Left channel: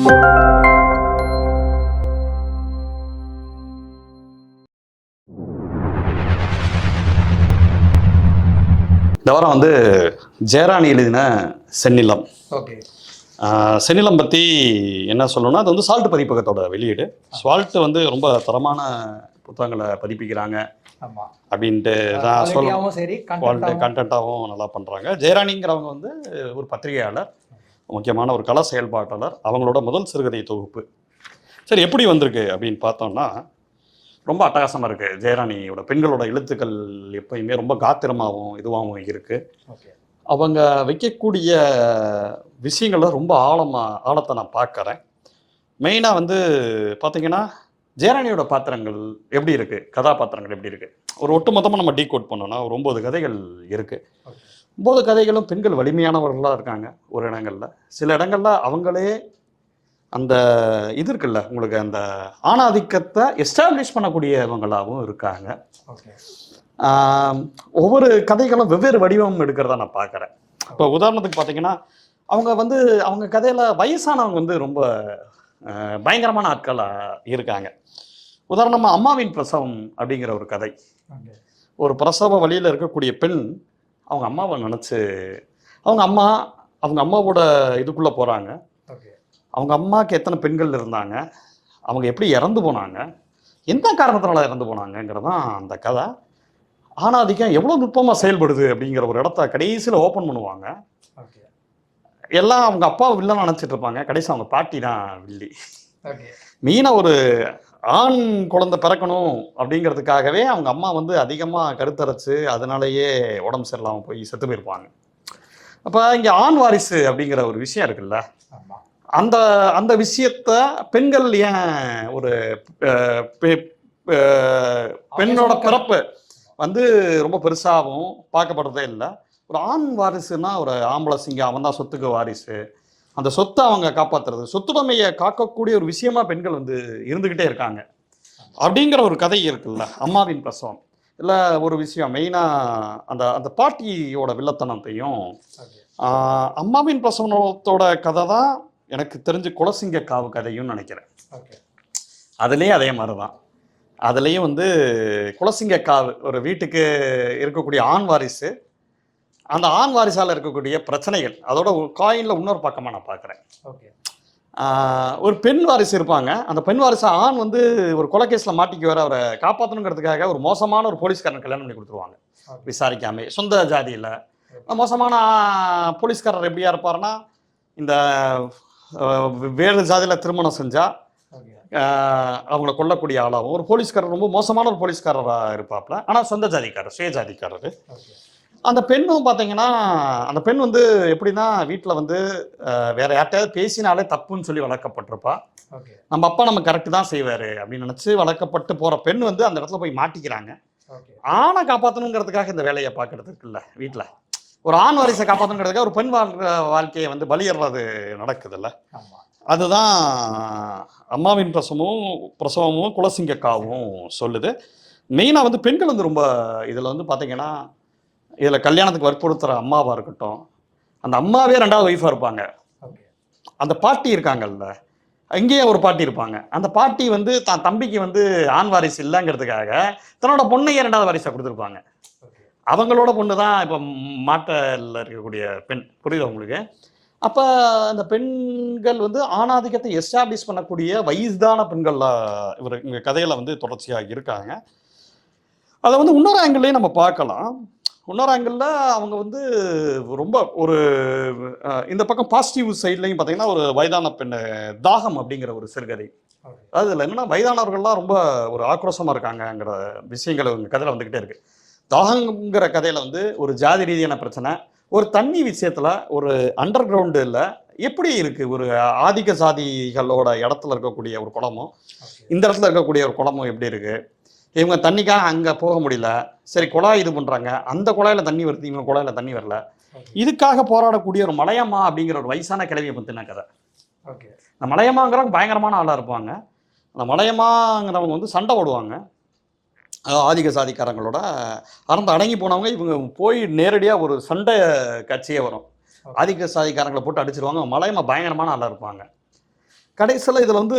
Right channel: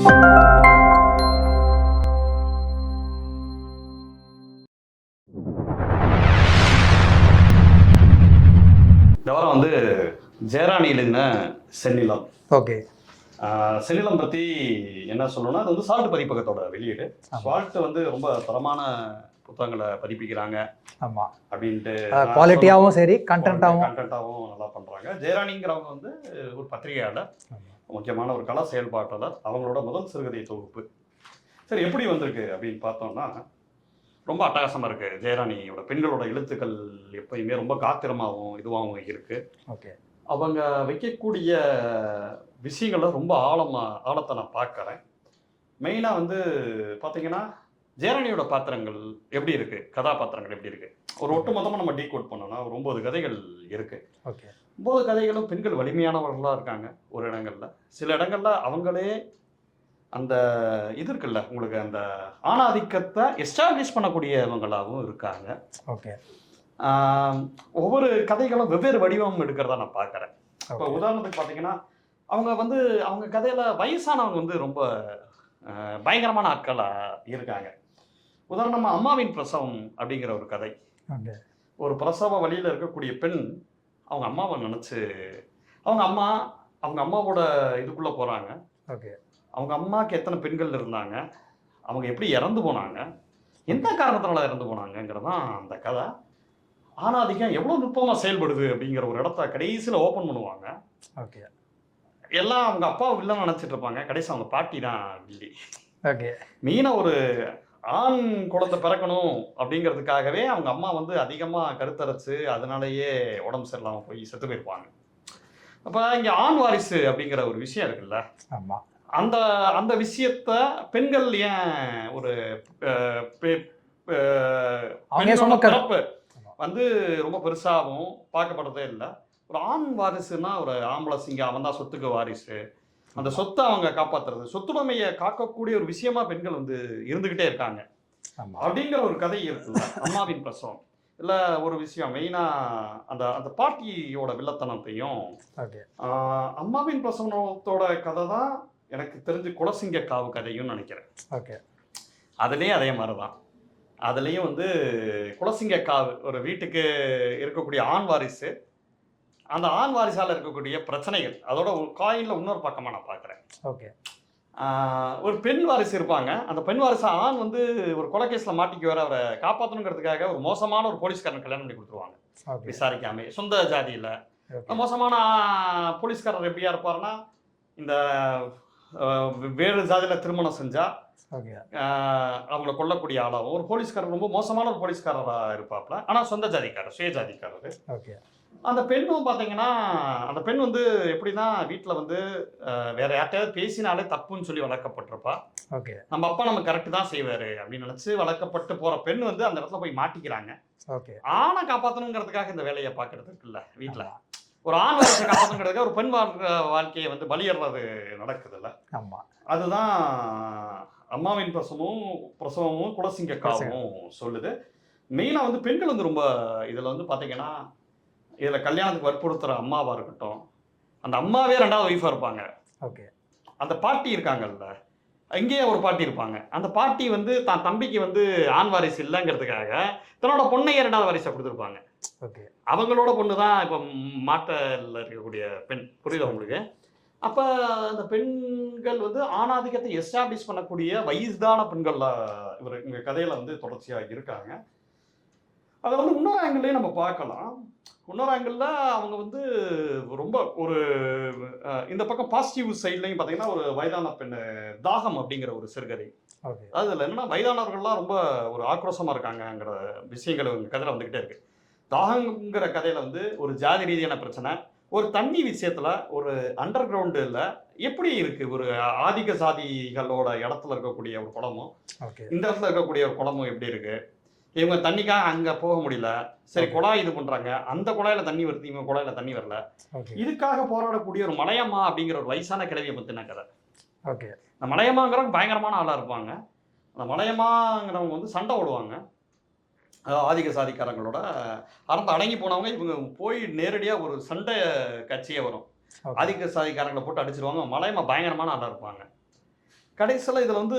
இந்த வாரம் வந்து ஜெயராணி எழுதின செந்நிலம். ஓகே. செந்நிலம் பற்றி என்ன சொல்லணும்னா, அது வந்து சால்ட் பதிப்பகத்தோட வெளியீடு. சால்ட் வந்து ரொம்ப தரமான புத்தகங்களை பதிப்பிக்கிறாங்க. ஆமாம், அப்படின்ட்டு குவாலிட்டியாகவும் சரி, கண்டென்ட்டாகவும் நல்லா பண்ணுறாங்க. ஜெயராணிங்கிறவங்க வந்து ஒரு பத்திரிகையாளர், முக்கியமான ஒரு கல செயல்பாட்டாளர். அவங்களோட முதல் சிறுகதை தொகுப்பு. சரி, எப்படி வந்திருக்கு அப்படின்னு பார்த்தோம்னா, ரொம்ப அட்டகாசமாக இருக்குது. ஜெயராணியோட பெண்களோட எழுத்துக்கள் எப்பயுமே ரொம்ப காத்திரமாகவும் இதுவாகவும் இருக்குது. ஓகே. அவங்க வைக்கக்கூடிய விஷயங்கள ரொம்ப ஆழத்தை நான் பார்க்குறேன். மெயினாக வந்து பார்த்தீங்கன்னா, ஜெயராணியோட பாத்திரங்கள் எப்படி இருக்குது, கதாபாத்திரங்கள் எப்படி இருக்குது, ஒரு ஒட்டுமொத்தமாக நம்ம டீகோட் பண்ணோன்னா ஒரு 9 கதைகள் இருக்குது. ஓகே. 9 கதைகளும் பெண்கள் வலிமையானவர்களாக இருக்காங்க. ஒரு இடங்களில், சில இடங்களில் அவங்களே அந்த இது இருக்குல்ல, உங்களுக்கு அந்த ஆணாதிக்கத்தை எஸ்டாப்ளிஷ் பண்ணக்கூடியவங்களாகவும் இருக்காங்க. ஓகே. ஒவ்வொரு கதைகளும் வெவ்வேறு வடிவம் எடுக்கிறதா நான் பார்க்குறேன். இப்போ உதாரணத்துக்கு பார்த்தீங்கன்னா, அவங்க கதையில் வயசானவங்க வந்து ரொம்ப பயங்கரமான ஆட்களாக இருக்காங்க. உதாரணமாக அம்மாவின் பிரசவம் அப்படிங்கிற ஒரு கதை. ஒரு பிரசவ வழியில் இருக்கக்கூடிய பெண் அவங்க அம்மாவை நினச்சி அவங்க அம்மாவோட இதுக்குள்ளே போகிறாங்க. ஓகே. அவங்க அம்மாவுக்கு எத்தனை பெண்கள் இருந்தாங்க, அவங்க எப்படி இறந்து போனாங்க, எந்த காரணத்தினால இறந்து போனாங்கங்கிறதான் அந்த கதை. ஆணாதிக்கம் எவ்வளோ நுட்பமாக செயல்படுது அப்படிங்கிற ஒரு இடத்த கடைசியில் ஓப்பன் பண்ணுவாங்க. ஓகே. எல்லாம் அவங்க அப்பாவை வில்லன் நினச்சிட்டு இருப்பாங்க, கடைசி அவங்க பாட்டி தான் வில்லி. ஓகே. மீனா ஒரு ஆண் குழந்தை பிறக்கணும் அப்படிங்கிறதுக்காகவே அவங்க அம்மா வந்து அதிகமாக கருத்தரைச்சு அதனாலேயே உடம்பு சரியில்லாமல் போய் செத்து போயிருப்பாங்க. அப்போ இங்கே ஆண் வாரிசு அப்படிங்கிற ஒரு விஷயம் இருக்குல்ல. ஆமாம். அந்த அந்த விஷயத்த பெண்கள் ஏன் ஒரு பெண்ணோட பிறப்பு வந்து ரொம்ப பெருசாகவும் பார்க்கப்படுறதே இல்லை. ஒரு ஆண் வாரிசுனா ஒரு ஆம்பளை சிங்கம், அவன் தான் சொத்துக்கு வாரிசு. அந்த சொத்தை அவங்க காப்பாற்றுறது, சொத்துடைமையை காக்கக்கூடிய ஒரு விஷயமா பெண்கள் வந்து இருந்துக்கிட்டே இருக்காங்க அப்படிங்கிற ஒரு கதை இருக்குல்ல. அம்மாவின் பிரசவம் இல்லை ஒரு விஷயம் மெயினாக அந்த அந்த பாட்டியோட வில்லத்தனத்தையும். அம்மாவின் பிரசவத்தோட கதை தான் எனக்கு தெரிஞ்சு குலசிங்க காவு கதையும் நினைக்கிறேன். ஓகே. அதுலேயும் அதே மாதிரி தான். அதுலேயும் வந்து குலசிங்க காவு ஒரு வீட்டுக்கு இருக்கக்கூடிய ஆண் வாரிசு, அந்த ஆண் வாரிசால் இருக்கக்கூடிய பிரச்சனைகள், அதோட ஒரு காயினில் இன்னொரு பக்கமாக நான் பார்க்குறேன். ஓகே. ஒரு பெண் வாரிசு இருப்பாங்க. அந்த பெண் வாரிசு ஆண் வந்து ஒரு கொலைகேஸில் மாட்டிக்கு வர அவரை காப்பாற்றணுங்கிறதுக்காக ஒரு மோசமான ஒரு போலீஸ்காரன் கல்யாணம் பண்ணி கொடுத்துருவாங்க. விசாரிக்காமே, சொந்த ஜாதியில். மோசமான போலீஸ்காரர் எப்படியா இருப்பாருன்னா, இந்த வேறு ஜாதியில் திருமணம் செஞ்சால் அவங்கள கொல்லக்கூடிய ஆளாகவும் ஒரு போலீஸ்காரர், ரொம்ப மோசமான ஒரு போலீஸ்காரராக இருப்பாப்புல. ஆனால் சொந்த ஜாதிக்காரர், சுய ஜாதிக்காரர். அந்த பெண்ணும் பார்த்தீங்கன்னா, அந்த பெண் வந்து எப்படின்னா வீட்டில் வந்து வேற யார்கிட்டயாவது பேசினாலே தப்புன்னு சொல்லி வளர்க்கப்பட்டிருப்பா. ஓகே. நம்ம அப்பா நம்ம கரெக்டு தான் செய்வார் அப்படின்னு நினச்சி வளர்க்கப்பட்டு போகிற பெண் வந்து அந்த இடத்துல போய் மாட்டிக்கிறாங்க. ஓகே. ஆணை காப்பாற்றணுங்கிறதுக்காக இந்த வேலையை பார்க்கறதுக்கு இல்லை, வீட்டில் ஒரு ஆண் வாரிசை காப்பாற்றணுங்கிறதுக்காக ஒரு பெண் வாழ்க்கையை வந்து பலியிடுறது நடக்குதுல்ல. ஆமாம். அதுதான் அம்மாவின் பிரசவமும் குலசிங்கக்காவும் சொல்லுது. மெயினாக வந்து பெண்கள் வந்து ரொம்ப இதில் வந்து பார்த்தீங்கன்னா, இதில் கல்யாணத்துக்கு வற்புறுத்துகிற அம்மாவாக இருக்கட்டும், அந்த அம்மாவே 2வது ஒய்ஃபாக இருப்பாங்க. ஓகே. அந்த பாட்டி இருக்காங்கல்ல, இங்கேயே ஒரு பாட்டி இருப்பாங்க. அந்த பாட்டி வந்து தான் தம்பிக்கு வந்து ஆண் வாரிசு இல்லைங்கிறதுக்காக தன்னோட பொண்ணையே 2வது வாரிசாக கொடுத்துருப்பாங்க. ஓகே. அவங்களோட பொண்ணு தான் இப்போ மாட்டில் இருக்கக்கூடிய பெண். புரியுது உங்களுக்கு? அப்போ அந்த பெண்கள் வந்து ஆணாதிக்கத்தை எஸ்டாப்ளிஷ் பண்ணக்கூடிய வயதான பெண்கள்லாம் இங்கே கதையில் வந்து தொடர்ச்சியாக இருக்காங்க. அதை வந்து இன்னொரு ஆங்கிள்லேயே நம்ம பார்க்கலாம். இன்னொரு ஆங்கிளில் அவங்க வந்து ரொம்ப ஒரு இந்த பக்கம் பாசிட்டிவ் சைட்லையும் பார்த்தீங்கன்னா, ஒரு வயதான பெண் தாகம் அப்படிங்கிற ஒரு சிறுகதை. அது இல்லை என்னன்னா, வயதானவர்கள்லாம் ரொம்ப ஒரு ஆக்ரோஷமாக இருக்காங்கங்கிற விஷயங்கள் உங்கள் கதையில் வந்துக்கிட்டே இருக்குது. தாகங்கிற கதையில் வந்து ஒரு ஜாதி ரீதியான பிரச்சனை, ஒரு தண்ணி விஷயத்தில் ஒரு அண்டர் கிரவுண்டில் எப்படி இருக்குது, ஒரு ஆதிக்க சாதிகளோட இடத்துல இருக்கக்கூடிய ஒரு குளமும் இந்த இடத்துல இருக்கக்கூடிய ஒரு குளமும் எப்படி இருக்குது, இவங்க தண்ணிக்காக அங்கே போக முடியல, சரி குழாய் இது பண்ணுறாங்க, அந்த குழாயில் தண்ணி வருது, இவங்க குழாயில் தண்ணி வரல, இதுக்காக போராடக்கூடிய ஒரு மலையம்மா அப்படிங்கிற ஒரு வயசான கிழவியை பற்றின கதை. ஓகே. இந்த மலையம்மாங்கிறவங்க பயங்கரமான ஆளாக இருப்பாங்க. அந்த மலையம்மாங்கிறவங்க வந்து சண்டை ஓடுவாங்க ஆதிக்க சாதிக்காரங்களோட. அறந்து அடங்கி போனவங்க இவங்க போய் நேரடியாக ஒரு சண்டை காட்சியே வரும். ஆதிக்க சாதிக்காரங்களை போட்டு அடிச்சிருவாங்க. மலையம்மா பயங்கரமான ஆளாக இருப்பாங்க. கடைசியில் இதில் வந்து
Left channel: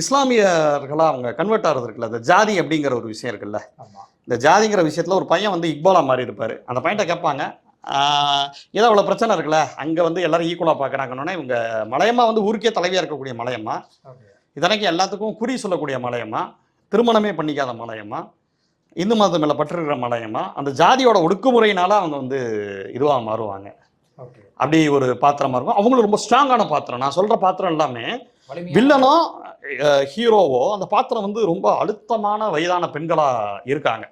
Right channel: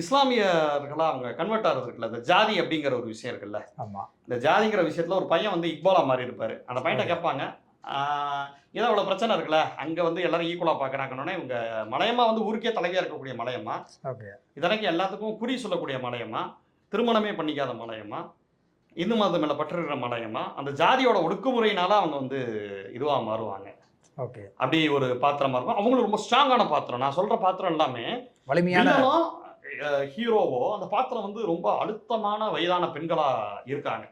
இஸ்லாமியர்களாக அவங்க கன்வெர்ட் ஆகிறது இருக்குல்ல, இந்த ஜாதி அப்படிங்கிற ஒரு விஷயம் இருக்குல்ல, ஆமா. இந்த ஜாதிங்கிற விஷயத்தில் ஒரு பையன் வந்து இக்பாலா மாதிரி இருப்பார். அந்த பையன்கிட்ட கேட்பாங்க, ஏதோ அவ்வளோ பிரச்சனை இருக்குல்ல, அங்கே வந்து எல்லாரும் ஈக்குவலாக பார்க்குறாங்கன்னொன்னே, இவங்க மலையம்மா வந்து ஊருக்கே தலைவியாக இருக்கக்கூடிய மலையம்மா, ஓகே. இதனைக்கு எல்லாத்துக்கும் குறி சொல்லக்கூடிய மலையம்மா, திருமணமே பண்ணிக்காத மலையம்மா, இந்து மதத்து மேலே பற்றிருக்கிற மலையம்மா, அந்த ஜாதியோட ஒடுக்குமுறையினால அவங்க வந்து இதுவாக மாறுவாங்க. ஓகே. அப்படி ஒரு பாத்திரமா இருக்கும். அவங்களும் ரொம்ப ஸ்ட்ராங்கான பாத்திரம். நான் சொல்ற பாத்திரம் எல்லாமே வலிமையான வில்லனோ ஹீரோவோ அந்த பாத்திரம் வந்து ரொம்ப அழுத்தமான வயதான பெண்களா இருக்காங்க.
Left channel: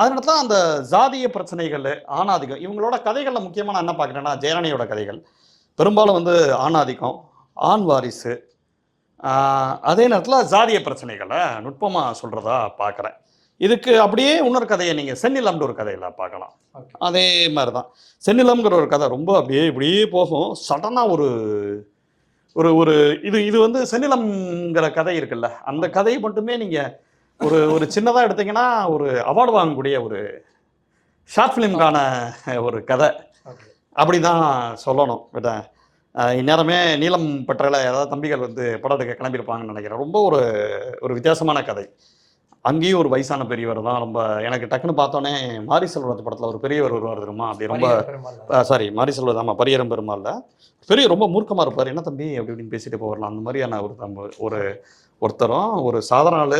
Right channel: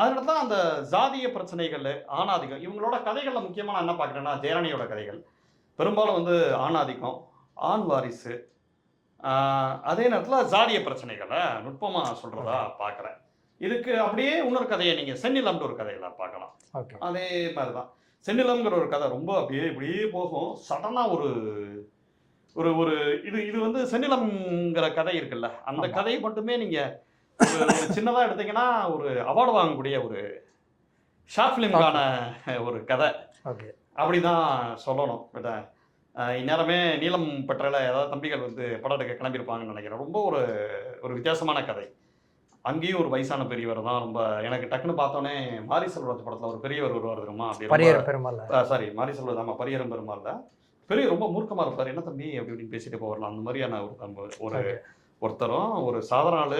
அதனால தான் அந்த ஜாதிய பிரச்சனைகள், ஆணாதிக்கம் இவங்களோட கதைகள்ல முக்கியமா நான் என்ன பார்க்குறேன்னா, ஜெயராணியோட கதைகள் பெரும்பாலும் வந்து ஆணாதிக்கம், ஆண் வாரிசு, அதே நேரத்தில் ஜாதிய பிரச்சனைகளை நுட்பமா சொல்றதா பார்க்குறேன். இதுக்கு அப்படியே இன்னொரு கதையை நீங்க செந்நிலம்னு ஒரு கதையில பார்க்கலாம். ஓகே. அதே மாதிரி தான் செந்நிலம்ங்கிற ஒரு கதை ரொம்ப அப்படியே இப்படியே போகும். சடனாக ஒரு ஒரு ஒரு இது இது வந்து செந்நிலம்ங்கிற கதை இருக்குல்ல, அந்த ஆமா. கதையை மட்டுமே நீங்க ஒரு ஒரு சின்னதாக எடுத்தீங்கன்னா ஒரு அவார்டு வாங்கக்கூடிய ஒரு ஷார்ட் ஃபிலிம்கான ஒரு கதை ஓகே. அப்படி தான் சொல்லணும். பட் இந்நேரமே நீலம் பற்றையில் ஏதாவது தம்பிகள் வந்து படம் எடுக்க கிளம்பியிருப்பாங்கன்னு நினைக்கிறேன். ரொம்ப ஒரு ஒரு வித்தியாசமான கதை. அங்கேயும் ஒரு வயசான பெரியவர் தான். ரொம்ப எனக்கு டக்குன்னு பார்த்தோன்னே மாரி செல்வராஜ் படத்தில் ஒரு பெரியவர் வருவார் தெரியுமா, அப்படி ரொம்ப பரியர் பெருமாள். சாரி மாரி செல்வராஜ், ஆமாம் பரியரம் பெருமாள்ல பெரிய ரொம்ப மூர்க்கமாக இருப்பார். என்ன தம்பி அப்படி இப்படின்னு பேசிட்டு போவார்லாம், அந்த மாதிரியான ஒரு ஒரு ஒருத்தரும் ஒரு சாதாரண ஆள்,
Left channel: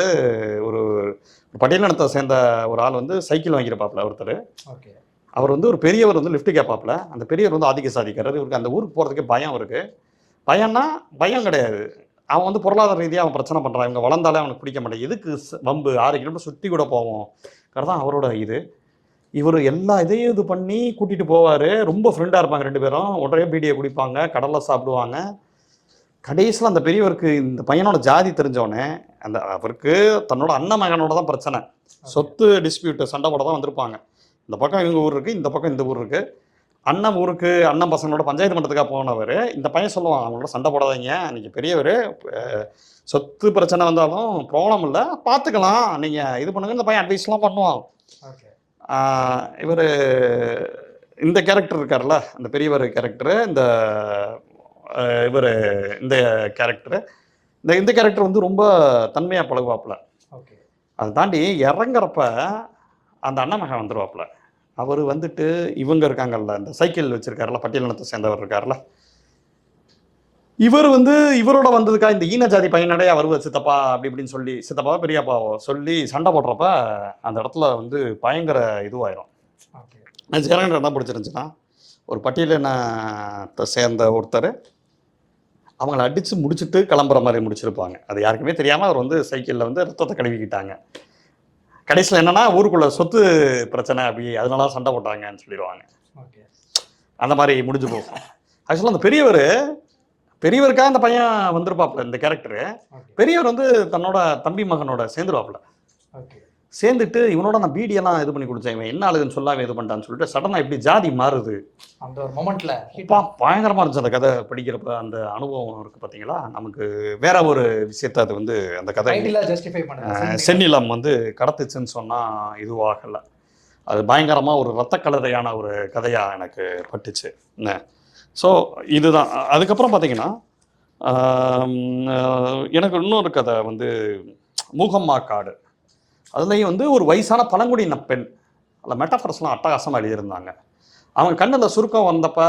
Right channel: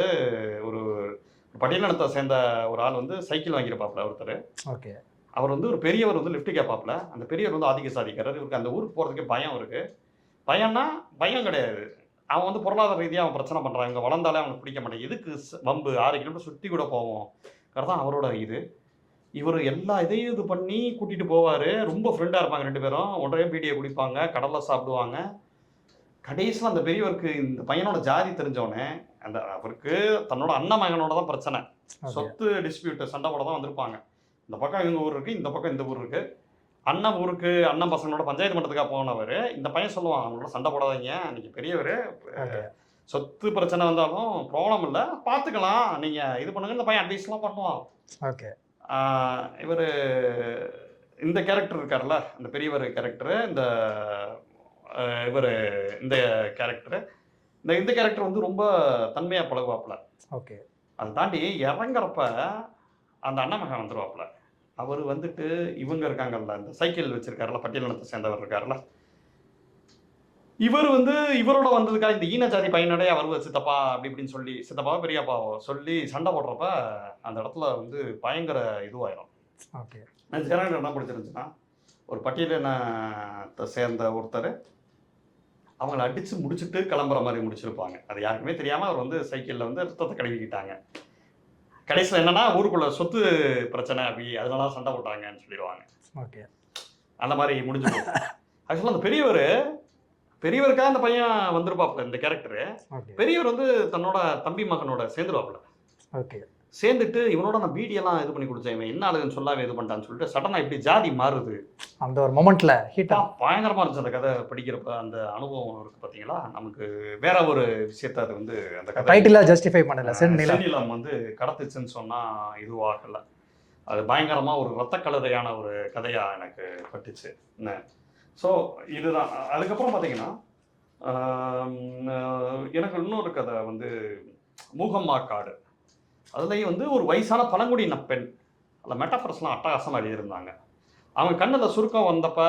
ஒரு பட்டியலினத்தை சேர்ந்த ஒரு ஆள் வந்து சைக்கிள் வாங்கியிருப்பாப்புல ஒருத்தர். ஓகே. அவர் வந்து ஒரு பெரியவர் வந்து லிஃப்ட் கேட்பாப்புல. அந்த பெரியவர் வந்து ஆதிக்க சாதிக்காரர். இவருக்கு அந்த ஊருக்கு போகிறதுக்கு பயம் இருக்கு. பயம்னா பயம் கிடையாது, அவன் வந்து பொருளாதார ரீதியாக அவன் பிரச்சனை பண்ணுறான், இவங்க வளர்ந்தாலே அவனுக்கு பிடிக்க மாட்டேன், எதுக்கு வம்பு 6 கிலோமீட்டர் சுற்றி கூட போவோம் தான் அவரோட இது. இவர் எல்லா இதையும் இது பண்ணி கூட்டிகிட்டு போவார். ரொம்ப ஃப்ரெண்டாக இருப்பாங்க 2 பேரும். ஒரே பீடியை குடிப்பாங்க, கடலில் சாப்பிடுவாங்க. கடைசியில் அந்த பெரியவருக்கு இந்த பையனோட ஜாதி தெரிஞ்சவொடனே, அந்த அவருக்கு தன்னோட அண்ணன் மகனோட தான் பிரச்சனை, சொத்து டிஸ்பியூட்டு சண்டை போட தான் வந்திருப்பாங்க. இந்த பக்கம் இவங்க ஊர் இருக்குது, இந்த பக்கம் இந்த ஊர் இருக்குது. அண்ணன் ஊருக்கு அண்ணன் பசங்களோட பஞ்சாயத்து மன்றத்துக்காக போனவர். இந்த பையன் சொல்லுவான், அவங்களோட சண்டை போடாதீங்க, நீங்கள் பெரியவர், சொத்து பிரச்சனை வந்தாலும் ப்ராப்ளம் இல்லை, பார்த்துக்கலாம், நீங்கள் இது பண்ணுங்க. இந்த பையன் அட்வைஸ்லாம் பண்ணுவான். ஓகே. இவர் இந்த கேரக்டர் இருக்கார்ல, அந்த பெரியவர் கேரக்டரு, இந்த இவர் இந்த கேரக்டரு, இந்த கேரக்டர் வந்து ரொம்ப தன்மையாக பழகுவாப்புல. ஓகே. அதை தாண்டி இறங்குறப்ப அந்த அண்ணன் மகன் வந்துடுவாப்புல. அவர் வந்துட்டு இவங்க இருக்காங்கல்ல, இந்த சைக்கிள் வச்சிருக்காருல, பட்டியலினத்தை சேர்ந்தவர் இருக்காருல்ல, இவர் வந்து இவரோட வந்ததுக்கா இந்த ஈன ஜாதி பையனடைய வருவ சித்தப்பா அப்படி இப்படின்னு சொல்லி, சித்தப்பாவோ பெரியப்பாவோ சொல்லி சண்டை போடுறப்ப அந்த இடத்துல வந்து பயங்கர இதுவாயிரும். ஓகே. ஜெயராணி என்ன பிடிச்சிருந்துச்சுன்னா, ஒரு பட்டியலினத்தை சேர்ந்த ஒருத்தர் அவங்கள அடித்து முடிச்சுட்டு கிளம்புற மாதிரி முடிச்சிருப்பாங்க. அது யாருக்குமே தெரியாமல் அவர் வந்து சைக்கிளில் வந்து ரத்தத்தை கழுவிக்கிட்டாங்க. கடைசியில் என்னன்னா, ஊருக்குள்ள சொத்து பிரச்சனை அப்படி அதனால சண்டை போட்டாங்கன்னு சொல்லிடுவாங்க. ஓகே. அந்த மாதிரி முடிஞ்சு போகும். ஆக்சுவலாக அந்த பெரியவருக்காக அந்த பையன் வந்திருப்பாப்புல, இந்த கேரக்டரு. பெரியவர் வந்து தன்னோட தம்பி மகனோட சேர்ந்துருவாப்புல. ஓகே. சேர்ந்துட்டு இவனோட நான் பீடியெல்லாம் இது பண்ணி கொடுத்தேன், இவன் என்ன ஆளுன்னு சொல்லாமல் இது பண்ணிட்டான்னு சொல்லிட்டு சடனாக இப்படி ஜாதி மாறுது. அந்த ஒரு மொமெண்ட்ல ஹிட்டாக பயங்கரமாக இருந்துச்சு அந்த கதை படிக்கிறப்ப. அந்த அனுபவம் இருக்குது பார்த்தீங்களா, நமக்கு வேற ஒரு விஷயத்தை அது வந்து அந்த கதை டைட்டிலாக ஜஸ்டிஃபை பண்ணல. செந்நிலம் வந்து கடத்துச்சுன்னு சொன்னால் இதுவாகலை. அது பயங்கரமாக ஒரு ரத்த கலரையான ஒரு கதையாக எனக்கு பட்டுச்சு. ஸோ இதுதான். அதுக்கப்புறம் பார்த்தீங்கன்னா எனக்கு இன்னொரு கதை வந்து மூகம்மா காடு. அதுலேயும் வந்து ஒரு வயசான பழங்குடியின பெண், அதில் மெட்டாஃபர்ஸ்லாம் அட்டகாசமாக எழுதியிருந்தாங்க. அவங்க கண்ணில் சுருக்கம் வந்தப்ப,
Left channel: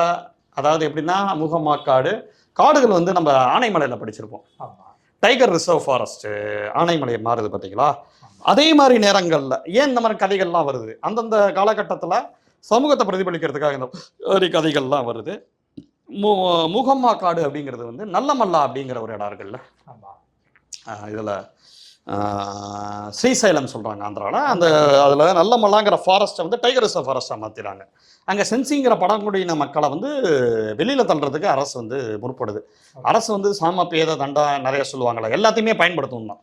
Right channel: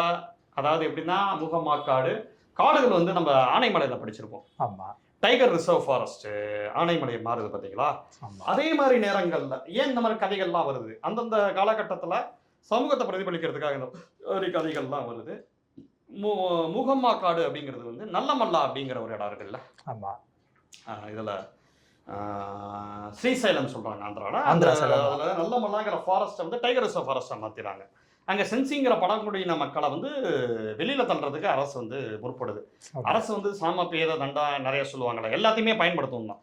அதாவது எப்படின்னா, மூகம்மா காடு, காடுகள் வந்து நம்ம ஆனைமலையில் படிச்சிருப்போம். ஆமாம். டைகர் ரிசர்வ் ஃபாரஸ்ட்டு ஆனைமலையை மாறுது பார்த்தீங்களா, அதே மாதிரி நேரங்களில் ஏன் இந்த மாதிரி கதைகள்லாம் வருது, அந்தந்த காலகட்டத்தில் சமூகத்தை பிரதிபலிக்கிறதுக்காக இந்த மாதிரி கதைகள்லாம் வருது. மூகம்மா காடு அப்படிங்கிறது வந்து நல்லமல்லா அப்படிங்கிற ஒரு இடம் இருக்குல்ல, ஆமாம், இதில் ஸ்ரீசைலம் சொல்கிறாங்க ஆந்திராவில். அந்த அதில் நல்லமல்லாங்கிற ஃபாரஸ்ட்டை வந்து டைகர் ரிசர்வ் ஃபாரஸ்ட்டாக மாற்றிடுறாங்க. அங்கே சென்சிங்கிற பழங்குடியின மக்களை வந்து வெளியில் தள்ளுறதுக்கு அரசு வந்து முற்படுது. அரசு வந்து சாம பேத தண்டா நிறைய சொல்லுவாங்களே, எல்லாத்தையுமே பயன்படுத்தணும் தான்.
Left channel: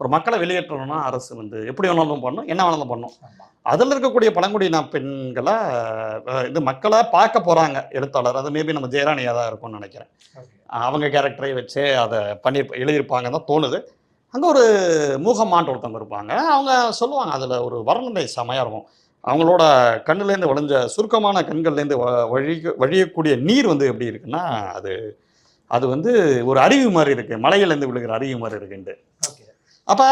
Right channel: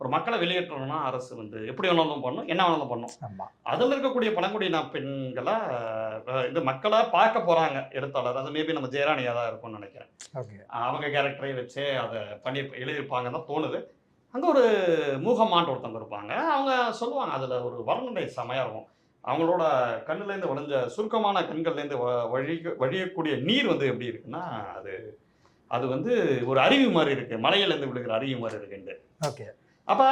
ஒரு மக்களை வெளியேற்றணும்னா அரசு வந்து எப்படி வேணாலும் பண்ணும், என்ன வேணாலும் பண்ணும். அதில் இருக்கக்கூடிய பழங்குடியின பெண்களை இது மக்களை பார்க்க போகிறாங்க எழுத்தாளர். அது மேபி நம்ம ஜெயராணியாக தான் இருக்கும்னு நினைக்கிறேன். அவங்க கேரக்டரை வச்சே அதை பண்ணி எழுதியிருப்பாங்க தான் தோணுது. அங்கே ஒரு மூகம்மான்ட்டு ஒருத்தவங்க இருப்பாங்க. அவங்க சொல்லுவாங்க, அதில் ஒரு வர்ணனை செமையாக இருக்கும். அவங்களோட கண்ணுலேருந்து வழிஞ்ச சுருக்கமான கண்கள்லேருந்து வழியக்கூடிய நீர் வந்து எப்படி இருக்குன்னா, அது அது வந்து ஒரு அருவி மாதிரி இருக்கு, மலையிலேருந்து விழுகிற அருவி மாதிரி இருக்குண்டு. ஓகே. அப்போ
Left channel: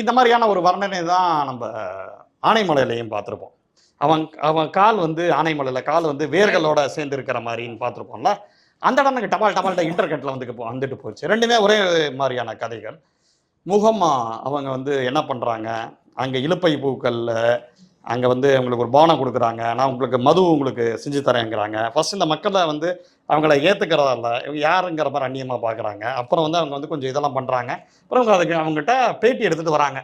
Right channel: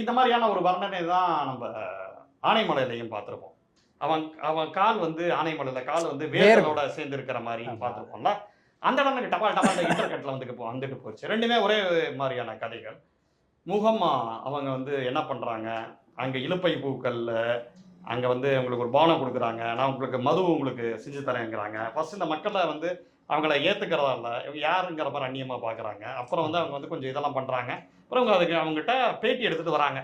இந்த மாதிரியான ஒரு வர்ணனை தான் நம்ம ஆனைமலையிலையும் பார்த்துருப்போம். அவன் கால் வந்து ஆனைமலையில் கால் வந்து வேர்களோட சேர்ந்து இருக்கிற மாதிரின்னு பார்த்துருப்போம்ல. அந்த இடம் எனக்கு டமால்ட்ட இன்டர்கட்டில் வந்துட்டு போச்சு. ரெண்டுமே ஒரே மாதிரியான கதைகள். முகமா அவங்க வந்து என்ன பண்ணுறாங்க, அங்கே இலுப்பை பூக்கள் அங்கே வந்து உங்களுக்கு ஒரு பானம் கொடுக்குறாங்க, நான் உங்களுக்கு மது உங்களுக்கு செஞ்சு தரேங்கிறாங்க. ஃபர்ஸ்ட் இந்த மக்களை வந்து அவங்கள ஏற்றுக்கிறதா இல்லை, இவங்க யாருங்கிற மாதிரி அந்நியமாக பார்க்குறாங்க. அப்புறம் வந்து அவங்க வந்து கொஞ்சம் இதெல்லாம் பண்ணுறாங்க. அப்புறம் அவங்க அதுக்கு அவங்ககிட்ட பேட்டி எடுத்துகிட்டு வராங்க.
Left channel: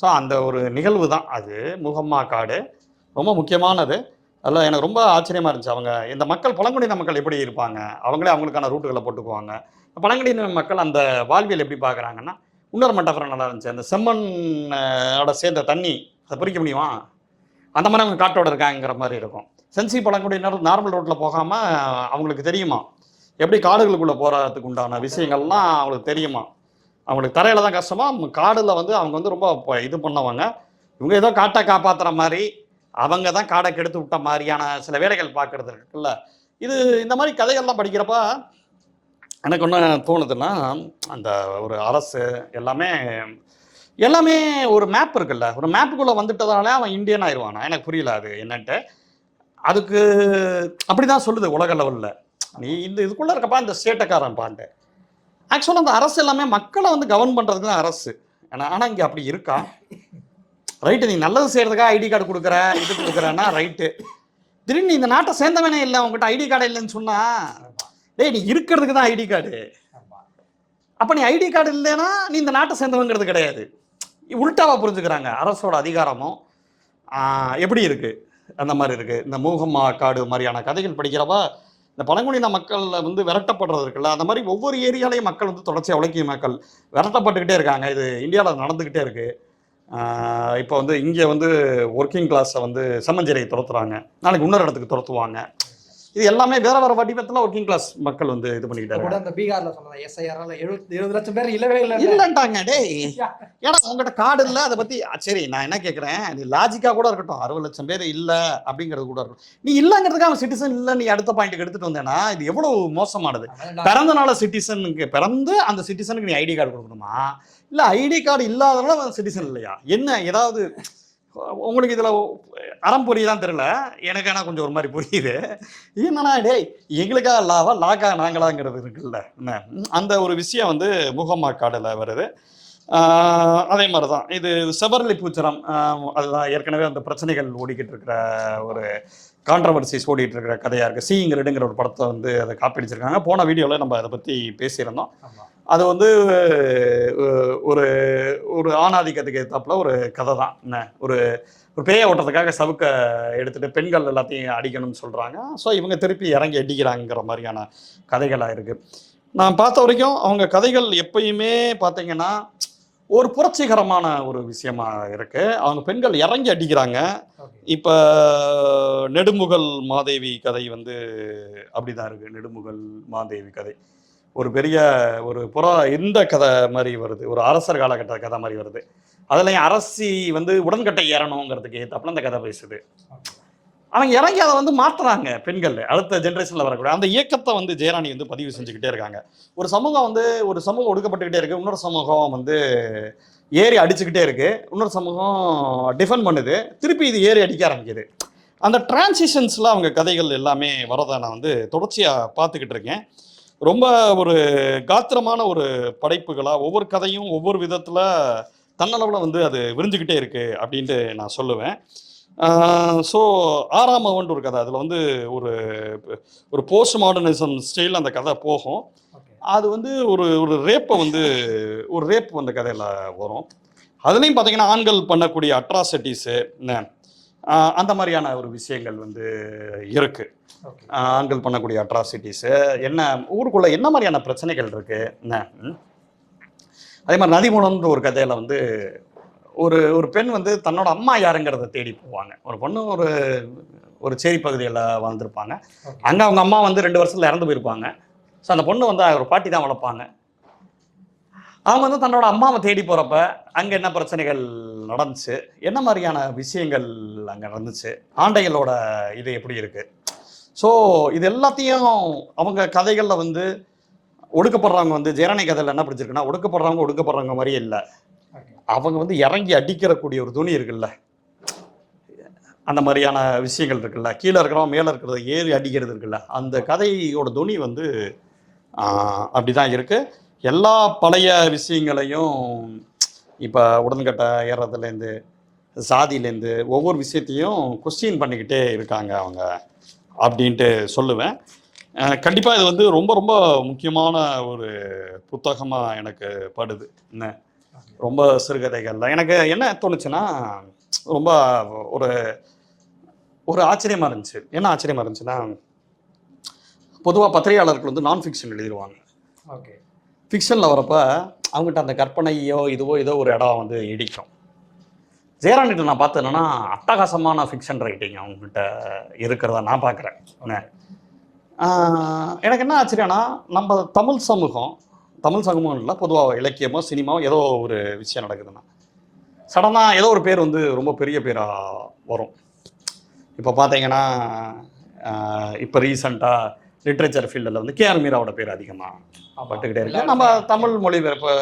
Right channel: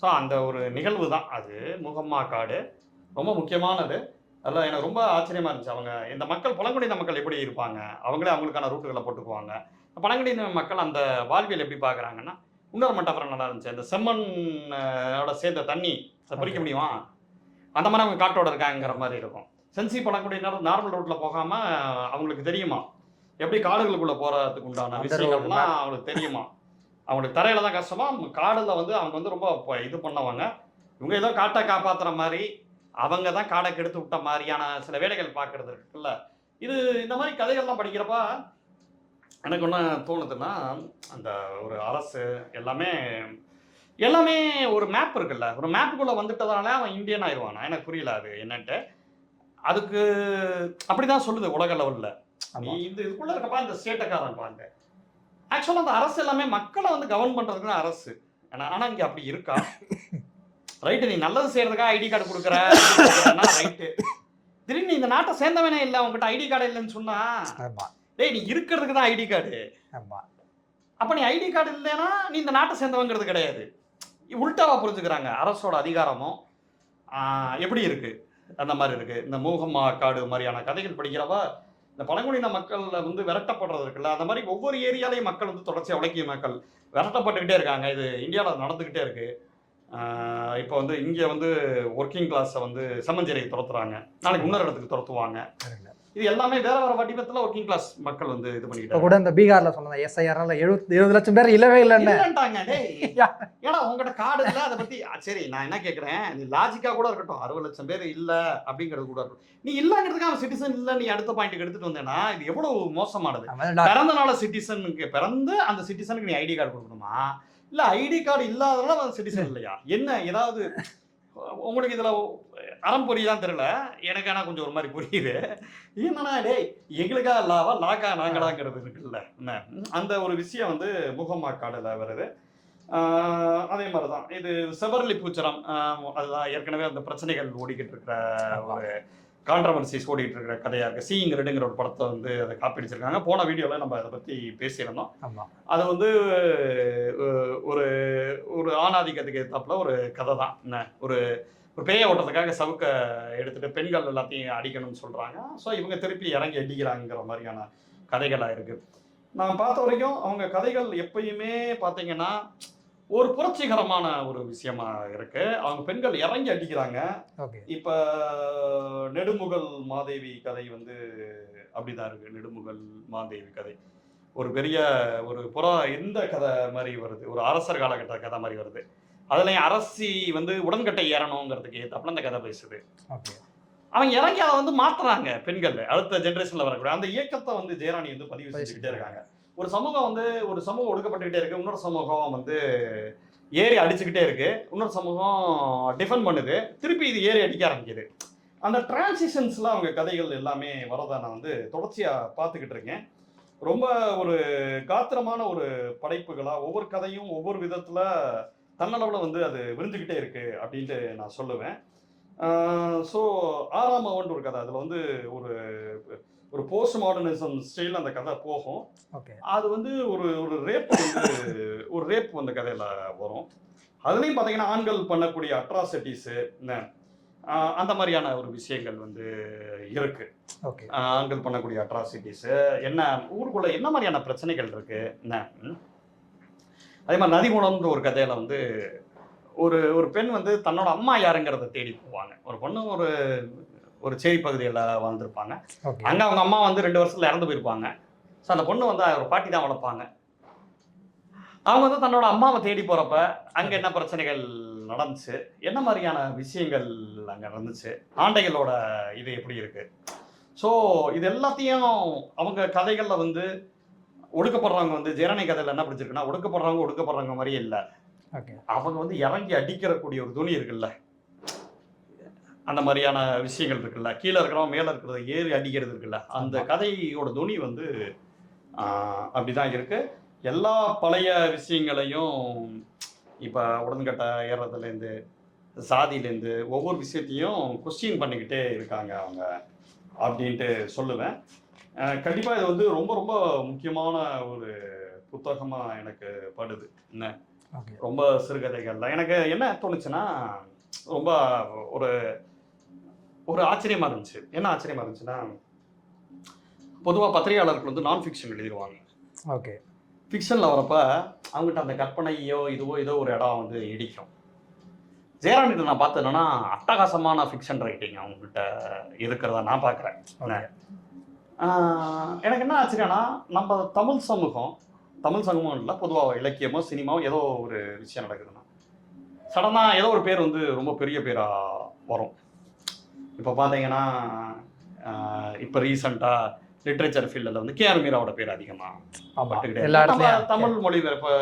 ஸோ அந்த ஒரு நிகழ்வு தான் அது. முகம்மா காடு ரொம்ப முக்கியமானது. அதில் எனக்கு ரொம்ப ஆச்சரியமாக இருந்துச்சு. அவங்க இந்த மக்கள் பழங்குடியின மக்கள் எப்படி இருப்பாங்க, அவங்களே அவங்களுக்கான ரூட்டுகளை போட்டுக்குவாங்க. பழங்குடியின மக்கள் அந்த வாழ்வியல் எப்படி பார்க்குறாங்கன்னா, இன்னொரு மட்டப்புறம் நல்லா இருந்துச்சு. அந்த செம்மண்ணோட சேர்ந்த தண்ணி அதை பிரிக்க முடியுமா, அந்த மாதிரி அவங்க காட்டோட இருக்காங்கிற மாதிரி இருக்கும். சென்சி பழங்குடியினர் நார்மல் ரோட்டில் போகாமல் அவங்களுக்கு தெரியுமா எப்படி காடுகளுக்குள்ளே போகிறதுக்கு உண்டான விஷயங்கள்லாம் அவங்களுக்கு தெரியுமா. அவங்களுக்கு தரையில் தான் கஷ்டமா, காடில் வந்து அவங்க வந்து ரொம்ப இது பண்ணவங்க. இவங்க ஏதோ காட்டை காப்பாற்றுற மாதிரி, அவங்க தான் காடை கெடுத்து விட்ட மாதிரியான சில வேலைகள் பார்க்குறது இருக்குல்ல. இது இந்த மாதிரி கதைகள்லாம் படிக்கிறப்ப எனக்கு ஒன்று தோணுதுன்னா, அந்த ஒரு அரசு எல்லாமே ஒரு மேப் இருக்குல்ல, ஒரு மேப்புக்குள்ளே வந்துட்டதால அவன் இந்தியன் ஆயிடுவானா, எனக்கு புரியல அது என்னன்ட்டு. அதுக்கு அப்படி தான் சொல்லுது உலக லெவலில். நீ இந்த இதுக்குள்ளே இருக்கப்பா இந்த ஸ்டேட்டக்காரன் பாண்டு. ஆக்சுவலாக அந்த அரசு எல்லாமே மக்களை வந்து கவர்ன் பண்ணுறதுக்கு தான் அரசு. ஆனால் இங்கே அப்படி இருக்கா? ரைட்டு, நீ நல்லது செய்கிறதுக்காக ஐடி கார்டு கொடுக்குறேன்னா ரைட்டு. திடீர்னு நீ இந்த நாட்டை சேர்ந்தவனே இல்லை, உங்ககிட்ட ஐடி கார்டு இல்லைன்னு சொன்னா, டேய் நீ இருக்கிறதுக்கு தான் ஐடி கார்டு. அப்போ நீ ஐடி கார்டு இல்லைன்னா நீ இந்த நாட்டை சேர்ந்தவங்கிறது கிடையாது. உள்டாவா புரிஞ்சுக்கிறாங்க. அரசோட அதிகாரமும் எப்படி இருக்குது அந்த மாதிரி இருக்குது. இந்த மூகம்மா காடு மாதிரியான கதைகள் படிக்கிறப்பா இந்த பழங்குடியின மக்கள் வந்து விரட்டப்படுறது இருக்குல்ல, அந்த மாதிரி ஒவ்வொரு ஏரியாலையும் மக்கள் வந்து தொடர்ச்சியாக உழைக்கிய மக்கள் விரட்டப்பட்டுக்கிட்டே இருக்காங்க. இது இந்தியாவில் நடந்துக்கிட்டே இருக்குது. இப்போ வந்து இங்கே வந்து ஒர்க்கிங் கிளாஸை வந்து செம்மஞ்சேரியை துரத்துறாங்க, நாளைக்கு இன்னொரு இடத்துக்கு துரத்துவாங்க. இது எல்லாமே வேற வேற வடிவத்தில் ஒர்க்கிங் கிளாஸ் மக்கள் வந்து இது பண்ணிக்கிட்டாங்க. கூட இந்த பீகார்ல சொன்னது எஸ்ஐஆர்ல 70 லட்சம் பேர் இல்லவே இல்லைன்ட்டாங்க. டே ஏன்னா உங்கள்கிட்ட கார்டு இல்லை, அதை பற்றி சரி நான் என்ன கேட்குறேன், நீ லாஜிக்காக கூட இருக்கட்டும், 60 லட்சம் பேர் இல்லை அப்படிங்கிறது கூட இருக்கட்டும். நீ இல்லைங்கிறதுக்கு அவன் சிட்டிசன் இல்லை நீ அடுத்த பாயிண்ட்டுக்கு எடுத்துகிட்டு வந்தேன்னா இது எவ்வளோ மோசமானது. பிறந்தனால சிட்டிசனுக்கு பிறந்து அந்த சிட்டிசனுக்கு நீ ஐடி கார்டு கொடுக்கணுமா, இல்லை ஐடி கார்டு இல்லாதனால அவன் சிட்டிசன் இல்லையா, என்ன ஏதாவது உங்களுக்கு இதில் அறம் புரியுதான் தெரியல, எனக்கு ஆனால் கொஞ்சம் ஒரு மாதிரி புரியுது. என்னன்னா டேய் எங்களுக்காக லாக்கா நாங்களாங்கிறது இருக்குல்ல, அந்த ஒரு விஷயம் வந்து முகம்மா காடில் வருது. அதே மாதிரி தான் இது செவர்லி பூச்சரம். அதுதான் ஏற்கனவே அந்த பிரச்சனைகள் ஓடிக்கிட்டு இருக்கிற ஒரு கான்ட்ரவர்சிஸ் ஓடிட்டு இருக்கிற கதையாக இருக்குது. சீயிங் ரெட்டுங்கிற ஒரு படத்தை வந்து அதை காப்பிடிச்சிருக்காங்க. போன வீடியோவில் நம்ம அதை பற்றி பேசியிருந்தோம். அது வந்து ஒரு ஒரு ஆணாதிக்கத்துக்கு ஏற்றாப்புல ஒரு கதை தான். என்ன ஒரு பேயை ஓட்டத்துக்காக சவுக்க எடுத்துகிட்டு பெண்கள் எல்லாத்தையும் அடிக்கணும்னு சொல்கிறாங்க. ஸோ இவங்க திருப்பி இறங்கி அடிக்கிறாங்கிற மாதிரியான கதைகளாக இருக்குது. நான் பார்த்த வரைக்கும் அவங்க கதைகள் எப்பயுமே பார்த்தீங்கன்னா ஒரு புரட்சிகரமான ஒரு விஷயமா இருக்கு. அவங்க பெண்கள் இறங்கி அடிக்கிறாங்க. இப்போ நெடுமுகல் மாதேவி கதை வந்து அப்படிதான் இருக்கு. நெடுமுகல் மாதேவி கதை ஒரு பெரிய ஒரு இந்த கதை மாதிரி வருது, ஒரு அரசர் காலகட்ட கதை மாதிரி வருது. அதுலயும் அரசி வந்து உடன்கட்டை ஏறணுங்கிறதுக்கு ஏற்றாப்புல அந்த கதை பேசுது. அவங்க இறங்கி அதை வந்து மாற்றுறாங்க. பெண்கள் அடுத்த ஜென்ரேஷனில் வரக்கூடிய அந்த இயக்கத்தை வந்து ஜெயராணி வந்து பதிவு செஞ்சுக்கிட்டே இருக்காங்க. ஒரு சமூகம் ஒடுக்கப்பட்டுக்கிட்டே இருக்கு, இன்னொரு சமூகம் வந்து ஏறி அடிச்சுக்கிட்டே இருக்கு, இன்னொரு சமூகம் டிஃபெண்ட் பண்ணுது, திருப்பி இது ஏறி அடிக்க ஆரம்பிக்குது. அந்த டிரான்சிஷன்ஸில் அவங்க கதைகள் எல்லாமே வரதை நான் வந்து தொடர்ச்சியாக பார்த்துக்கிட்டு இருக்கேன். ரொம்ப ஒரு காத்திரமான ஒரு படைப்புகளாக ஒவ்வொரு கதையும் ஒவ்வொரு விதத்தில் தன்னளவில் வந்து அது விரிஞ்சுக்கிட்டே இருக்குது அப்படின்ட்டு நான் சொல்லுவேன். ஸோ 6ஆம் அவன் ஒரு கதை, அதில் வந்து ஒரு போஸ்ட் மாடர்னிசம் ஸ்டைல் அந்த கதை போகும். அது வந்து ஒரு ரேப்பை வந்து ஒரு ரேப் அந்த கதையில் வரும். அதுலேயும் பார்த்தீங்கன்னா ஆண்கள் பண்ணக்கூடிய அட்ராசிட்டிஸு அந்த மாதிரியான ஒரு விஷயங்கள் வந்து இருக்குது. ஆண்கள் பண்ணக்கூடிய அட்ராசிட்டிஸு என்ன, ஊருக்குள்ளே என்ன மாதிரியான பிரச்சனைகள் இருக்குது என்ன. அதே மாதிரி நதிமூலம்ன்ற ஒரு கதையில் வந்து ஒரு பெண் வந்து தன்னோட அம்மா யாருங்கிறத தேடி போவாங்க. ஒரு பொண்ணு ஒரு சேரி பகுதியில் வாழ்ந்துருப்பாங்க. அங்கே அவங்க அம்மா வந்து 2 வருஷத்தில் இறந்து போயிருப்பாங்க. ஸோ அந்த பொண்ணு வந்து ஒரு பாட்டி தான் வளர்ப்பாங்க. அவங்க வந்து தன்னோட அம்மாவை தேடி போகிறப்ப அங்கே என்ன பிரச்சனைகள் நடந்துச்சு, என்ன மாதிரியான விஷயங்கள் அங்கே நடந்துச்சு, ஆண்டைகளோட இது எப்படி இருக்குது. ஸோ இது எல்லாத்தையும் அவங்க கதைகளில் வந்து ஒடுக்கப்படுறவங்க வந்து ஜெயராணி கதையில் என்ன பிடிச்சிருக்குன்னா, ஒடுக்கப்படுறவங்க மாதிரியே இல்லை. ஓகே. அவங்க வந்து இறங்கி அடிக்கிறக்கூடிய ஒரு துணி இருக்குல்ல, அந்த மாதிரியான விஷயங்கள் இருக்குல்ல, கீழே இருக்கிறவன் மேலே இருக்கிறத ஏறி அடிக்கிறது இருக்குல்ல, அந்த கதையோட துணி வந்து அப்படிதான் இருக்கு. எல்லா பழைய விஷயங்களையும் இப்போ உடன்கட்டை ஏறுறதுலேருந்து சாதியிலேருந்து ஒவ்வொரு விஷயத்தையும் கொஸ்டின் பண்ணிக்கிட்டே இருக்காங்க அவங்க அப்படின்ட்டு சொல்லுவேன். கண்டிப்பாக இது வந்து ரொம்ப ரொம்ப முக்கியமான ஒரு புத்தகமாக எனக்கு படுது. என்ன ரொம்ப சிறுகதைகளில் எனக்கு என்ன தோணுச்சுன்னா, ரொம்ப ஒரு ஒரு ஆச்சரியமாக இருந்துச்சு. என்ன ஆச்சரியமாக இருந்துச்சுன்னா, பொதுவாக பத்திரிகையாளர்கள் வந்து நான் ஃபிக்ஷன் எழுதிடுவாங்க. ஓகே. ஃபிக்ஷனில் வரப்ப அவங்ககிட்ட அந்த கற்பனையோ ஏதோ ஒரு இடம் வந்து இடிக்கும். ஜெயராணிட்ட நான் பார்த்தேன் என்னன்னா, அட்டகாசமான ஃபிக்ஷன் ரைட்டிங் அவங்ககிட்ட இருக்கிறத நான் பார்க்குறேன். எனக்கு என்ன ஆச்சரியம்னா, நம்ம தமிழ் சமூகம் இல்லை, பொதுவாக இலக்கியமோ சினிமாவோ ஏதோ ஒரு விஷயம் நடக்குதுன்னா சடனாக ஏதோ ஒரு பேர் வந்து ரொம்ப பெரிய பேராக வரும். இப்போ பார்த்தீங்கன்னா, இப்போ ரீசெண்டாக லிட்ரேச்சர் ஃபீல்டில் வந்து கேஆர் மீராவோட பேர் அதிகமாக பட்டுக்கிட்டே. நம்ம தமிழ் மொழிபெயர்ப்பு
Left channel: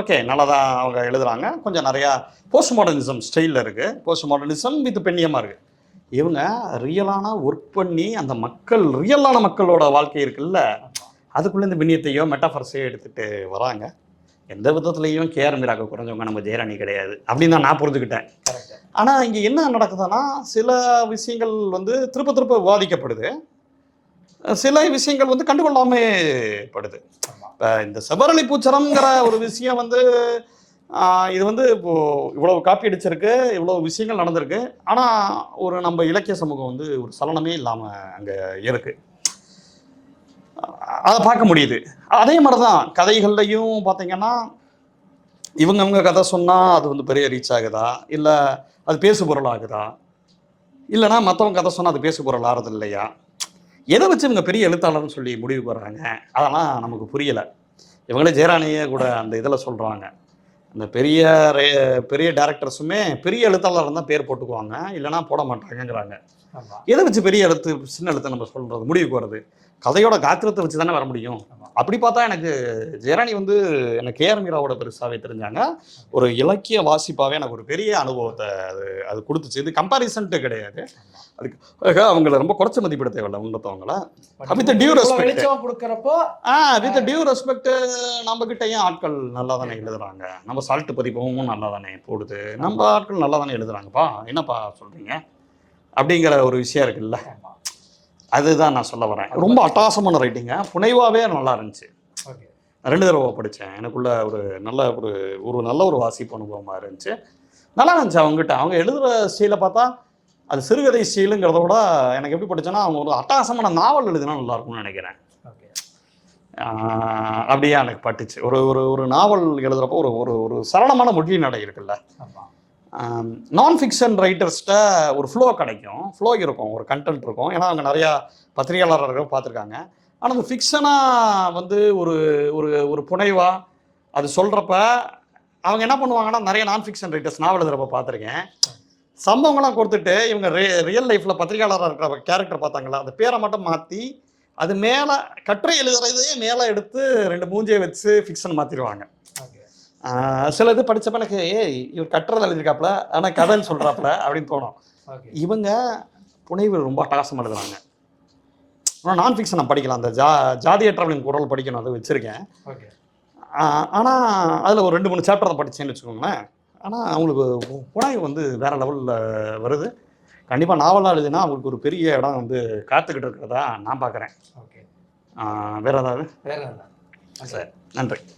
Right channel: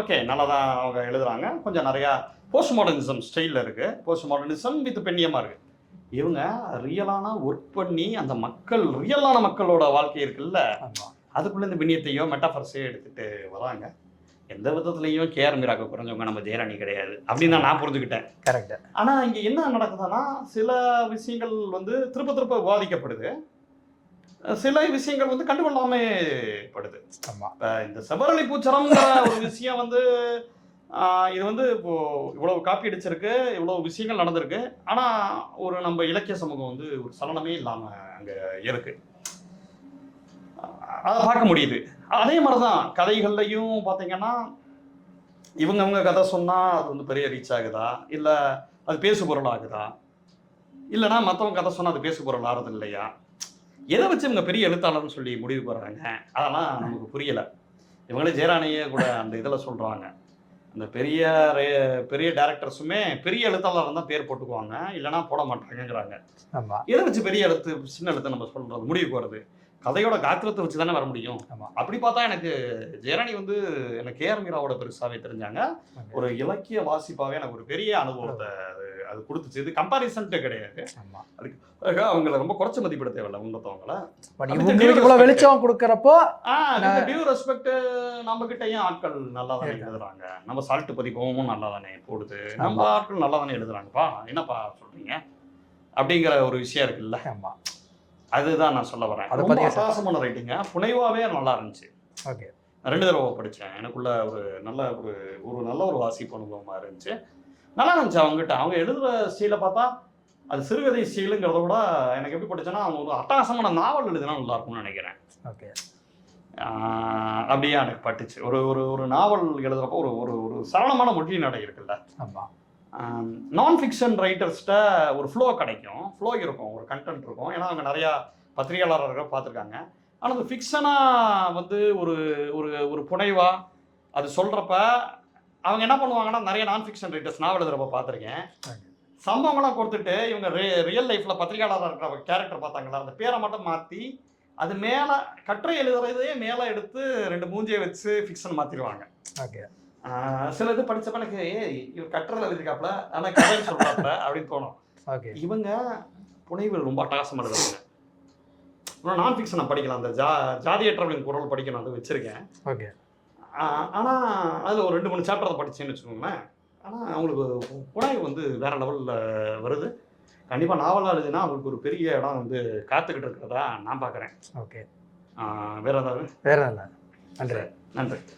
ஓகே நல்லா தான் அவங்க எழுதுகிறாங்க. கொஞ்சம் நிறையா போஸ்ட் மாடர்னிசம் ஸ்டைலில் இருக்குது. போஸ்ட் மாடர்னிசம் வித் பெண்ணியமாக இருக்குது. இவங்க ரியலான ஒர்க் பண்ணி அந்த ரியலான மக்களோட வாழ்க்கை இருக்குல்ல, அதுக்குள்ளே இந்த பெண்ணியத்தையோ மெட்டாஃபர்ஸையோ எடுத்துகிட்டு வராங்க. எந்த விதத்துலையும் கேஆர் மீராக்கு குறைஞ்சவங்க நம்ம ஜெயராணி கிடையாது அப்படின்னு தான் நான் புரிஞ்சுக்கிட்டேன். கரெக்ட். ஆனால் இங்கே என்ன நடக்குதுன்னா, சில விஷயங்கள் வந்து திருப்ப விவாதிக்கப்படுது, சில விஷயங்கள் வந்து கண்டுகொள்ளாமே படுது. இப்போ இந்த செவரளி பூச்சரம்ங்கிற ஒரு விஷயம் வந்து இது வந்து இப்போது இவ்வளோ காப்பி அடிச்சிருக்கு, இவ்வளோ விஷயங்கள் நடந்திருக்கு. ஆனால் ஒரு நம்ம இலக்கிய சமூகம் வந்து ஒரு சலனமே இல்லாமல் அங்கே இருக்குது. அதை பார்க்க முடியுது. அதே மாதிரி தான் கதைகள்லையும் பார்த்தீங்கன்னா, இவங்க கதை சொன்னால் அது வந்து பெரிய ரீச் ஆகுதா, இல்லை அது பேசு பொருள் ஆகுதா, இல்லைனா மற்றவங்க கதை சொன்னால் அது பேசு பொருள் ஆகிறது இல்லையா, எதை வச்சு இவங்க பெரிய எழுத்தாளர்னு சொல்லி முடிவு போடுறாங்க, அதெல்லாம் நமக்கு புரியலை. இவங்களே ஜெயராணியே கூட அந்த இதில் சொல்கிறாங்க, இந்த பெரிய டேரக்டர்ஸுமே பெரிய எழுத்தாளர் தான் பேர் போட்டுக்குவாங்க, இல்லைனா போட மாட்டாங்கங்கிறாங்க. எதை வச்சு பெரிய எழுத்து சின்ன எழுத்து நம்ம சொல்கிறது முடிவுக்கு வருது? கதையோட காத்திரத்தை வச்சு தானே வர முடியும். அப்படி பார்த்தா எனக்கு ஜெயராணி வந்து எனக்கு கேஆர் மீராவோட பெருசாகவே தெரிஞ்சாங்க. ஒரு இலக்கிய வாசிப்பாகவே எனக்கு ஒரு பெரிய அனுபவத்தை அது கொடுத்துச்சு. இது கம்பாரிசன்ட்டு கிடையாது. அதுக்கு அவங்கள ரொம்ப குறைச்ச மதிப்பிட தேவையில்லை உன்னத்தவங்கள. வெளிச்சம் கொடுக்குறப்போ வித் டியூ ரெஸ்பெக்ட் நம்ம கிட்டையும் ஆட்கள் நல்லா தானே எழுதுறாங்க. நம்ம சால்ட் பதிப்பவும் நல்லா தானே போடுது. நம்ம ஆட்கள் நல்லா தானே எழுதுறாங்கப்பா, என்னப்பா சொல்றீங்க அப்படிங்கிற ஒரு விஷயம் இருக்குல்ல. அதுதான் நான் சொல்ல வரேன். ரொம்ப அட்டகாசமான ரைட்டிங்க, புனைவாகவே நல்லா இருந்துச்சு. ஓகே. 2 தடவை படித்தேன். எனக்குள்ள ஒரு நல்ல ஒரு வாசிப்பு அனுபவமாக இருந்துச்சு. நல்லா இருந்துச்சு. அவங்க எழுதுகிற ஸ்டைலை பார்த்தா அது சிறுகதை ஸ்டைலுங்கிறத விட எனக்கு எப்படி படித்தேன்னா, அவங்க ஒரு அட்டகாசமான நாவல் எழுதினா நல்லா இருக்கும்னு நினைக்கிறேன். ஓகே. அப்படியே எனக்கு பட்டுச்சு. ஒரு நாவல் எழுதுகிறப்போ ஒரு சரளமான மொழி நடை இருக்குல்ல. நான் ஃபிக்ஷன் ரைட்டர்ஸ்கிட்ட ஒரு ஃப்ளோ கிடைக்கும், ஃப்ளோ இருக்கும், ஒரு கண்டென்ட் இருக்கும். ஏன்னா அவங்க நிறையா பத்திரிகையாளர்கள் பார்த்துருக்காங்க. ஆனால் அந்த ஃபிக்ஷனாக வந்து ஒரு புனைவா அது சொல்கிறப்ப அவங்க என்ன பண்ணுவாங்கன்னா, நிறைய நான் ஃபிக்ஷன் ரைட்டர்ஸ் நாவல் எழுதுறப்ப பார்த்துருக்கேன், சம்பவங்களாம் கொடுத்துட்டு இவங்க ரியல் லைஃப்பில் பத்திரிகையாளராக இருக்கிற கேரக்டர் பார்த்தாங்களா, அந்த பேரை மட்டும் மாற்றி அது மேலே கட்டுரை எழுதுறதே மேலே எடுத்து 2 மூஞ்சியை வச்சு ஃபிக்ஷன் மாற்றிடுவாங்க. ஓகே. சில இது படித்தப்ப எனக்கு இவர் கட்டுறதை எழுதியிருக்காப்புல, ஆனால் கதைன்னு சொல்கிறாப்புல அப்படின்னு தோணும். இவங்க புனைவு ரொம்ப அட்டகாசமாக எழுதுறாங்க. ஆனால் நான் ஃபிக்ஷன் நான் படிக்கலாம், அந்த ஜாதிய டிராவலிங் குரல் படிக்கணும், அது வச்சுருக்கேன். ஓகே. ஆனால் அதில் ஒரு 2-3 சாப்டர் தான் படித்தேன்னு வச்சுக்கோங்களேன். ஆனால் அவங்களுக்கு புனைவு வந்து வேறு லெவலில் வருது. கண்டிப்பாக நாவலாக எழுதுனா அவங்களுக்கு ஒரு பெரிய இடம் வந்து காத்துக்கிட்டு இருக்கிறதா நான் பார்க்குறேன். ஓகே. வேறு ஏதாவது? வேறு இல்லை. நன்றி. நன்றி.